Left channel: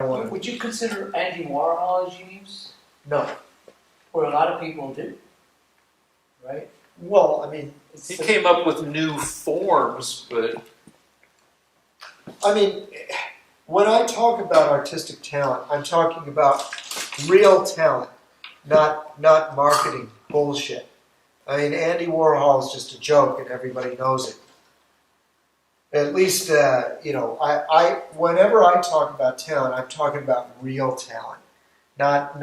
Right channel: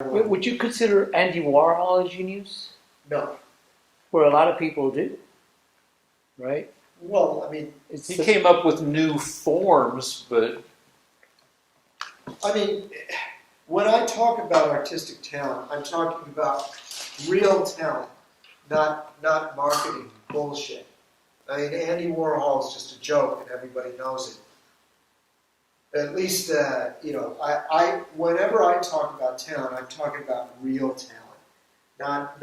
Would you consider Andy Warhol a genius? No. Where a lot of people do, right? Well, I mean, He came up with new forms, but I mean, when I talk about artistic talent, I'm talking about real talent, not marketing bullshit. I mean, Andy Warhol is just a joke, and everybody knows it. At least, I whenever I talk about talent, I'm talking about real talent, not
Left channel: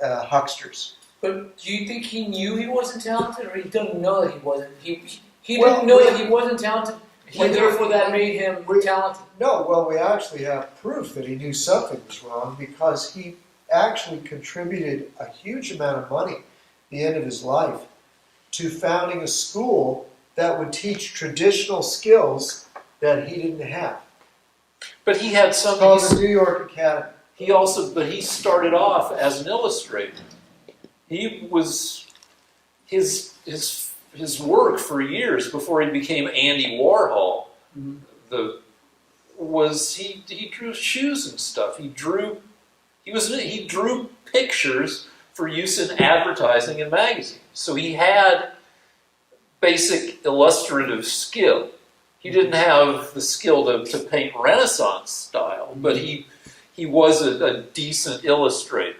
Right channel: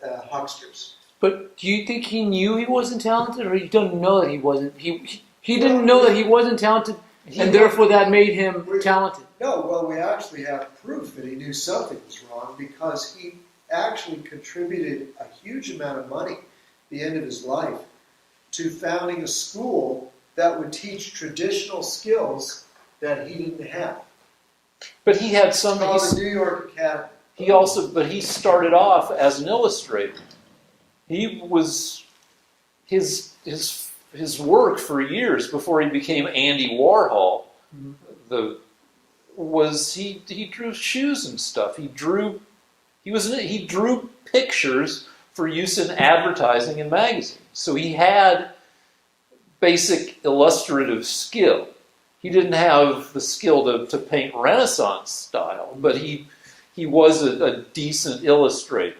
hucksters. But do you think he knew he wasn't talented, or he didn't know that he wasn't? He Well, didn't know that he wasn't talented, and therefore that made him talented. No, well, we actually have proof that he knew something was wrong because he actually contributed a huge amount of money at the end of his life to founding a school that would teach traditional skills that he didn't have. but he had It's called somebody. the New York Academy. He started off as an illustrator. He was his work for years before he became Andy Warhol. He drew shoes and stuff. He drew pictures for use in advertising and magazines. So he had basic illustrative skill. He didn't have the skill to paint Renaissance style, but he was a decent illustrator.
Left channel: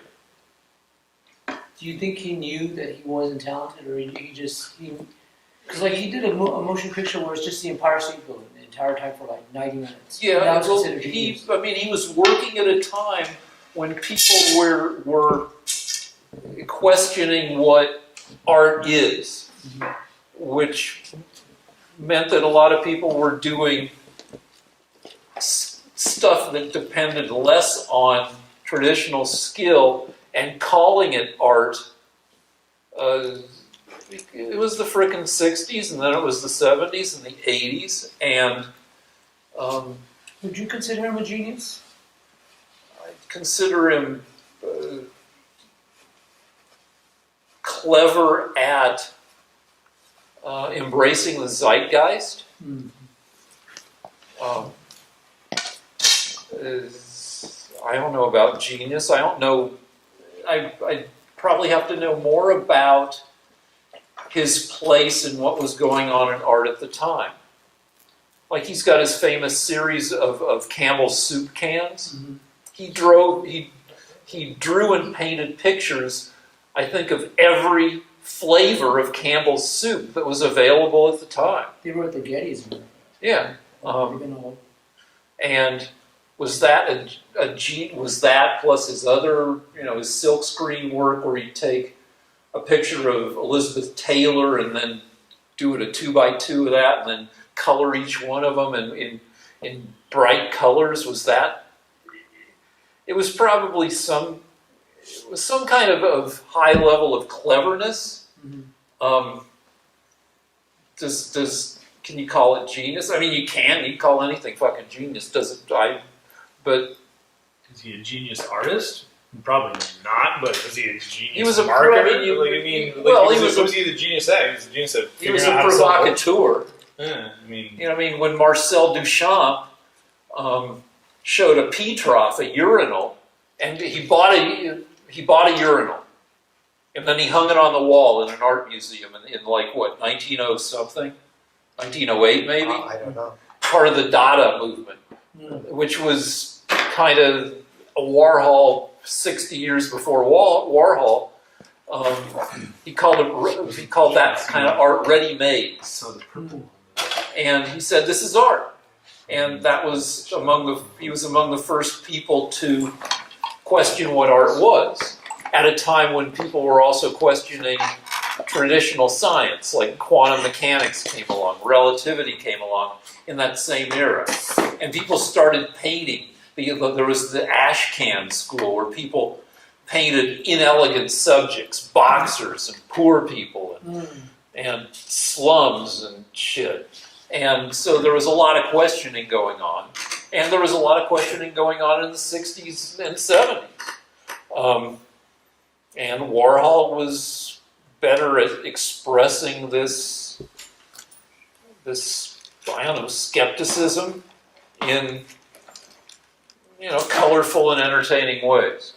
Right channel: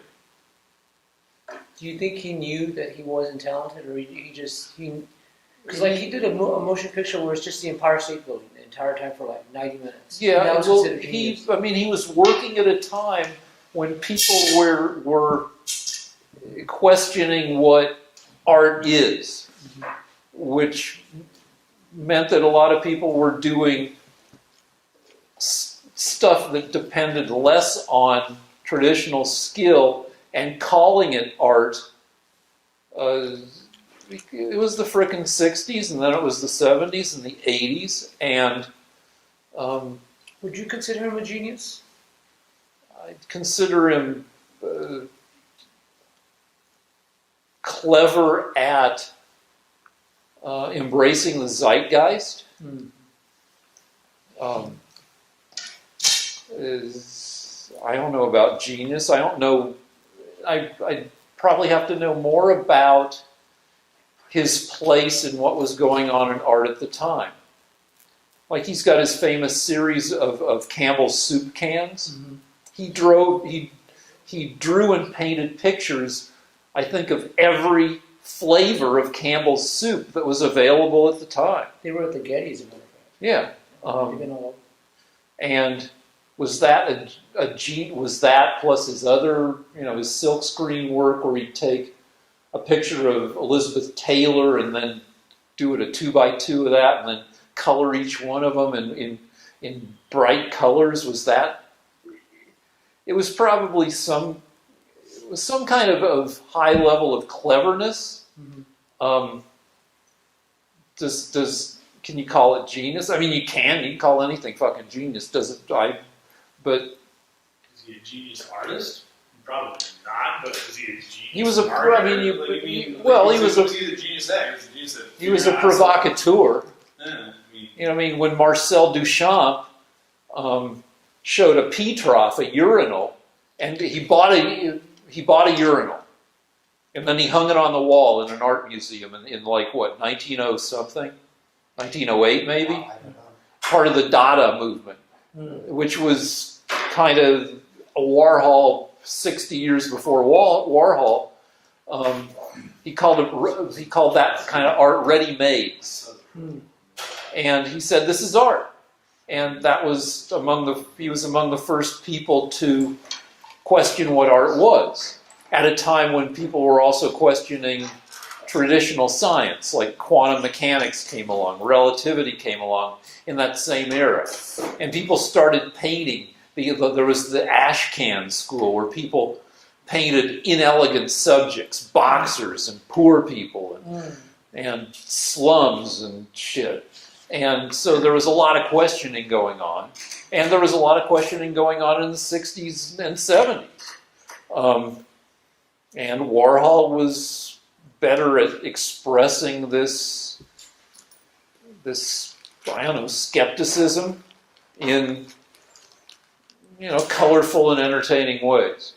Do you think he knew that he wasn't talented, or he just because like he did a motion picture where it's just the Empire State Building the entire time for like 90 minutes. Yeah, And that was well, considered genius. he was working at a time when people were questioning what art is, which meant that a lot of people were doing stuff that depended less on traditional skill and calling it art. It was the frickin' 60s, and then it was the 70s and the 80s, and Would you consider him a genius? I'd consider him clever at embracing the zeitgeist. I don't know about genius. I don't know. I probably have to know more about his place and what was going on in art at the time. Like he's got his famous series of Campbell's soup cans. Mm-hmm. He drew and painted pictures, I think, of every flavor of Campbell's soup that was available at the time. They were at the Gettys. Yeah. They've been all And was that was that plus his other, his silkscreen work where he'd take a picture of Elizabeth Taylor and then do it a 2x2 of that and then color each one of them in bright colors? Was that? It was probably some kind of high level of cleverness. Mm-hmm. Can you call it genius? I mean, you can call anything fucking genius. But is he a genius artist? Probably not, but is he a genius he was a marketer? Was he the genius at? He was the genius at he was a provocateur. Yeah, when Marcel Duchamp showed a Petrov a urinal, and he bought a urinal, and then he hung it on the wall in an art museum in like what 1900 1908 maybe. I don't know. Part of the Dada movement, which was kind of a Warhol 60 years before Warhol. He called that kind of art ready-made. And he said, "This is art," and that was he was among the first people to question what art was at a time when people were also questioning traditional science, like quantum mechanics came along, relativity came along in that same era, and people started painting. There was the Ashcan school where people painted inelegant subjects, boxers and poor people and slums and shit. And so there was a lot of questioning going on. And there was a lot of questioning going on in the 60s and 70s. And Warhol was better at expressing this I don't know, skepticism in colorful and entertaining ways.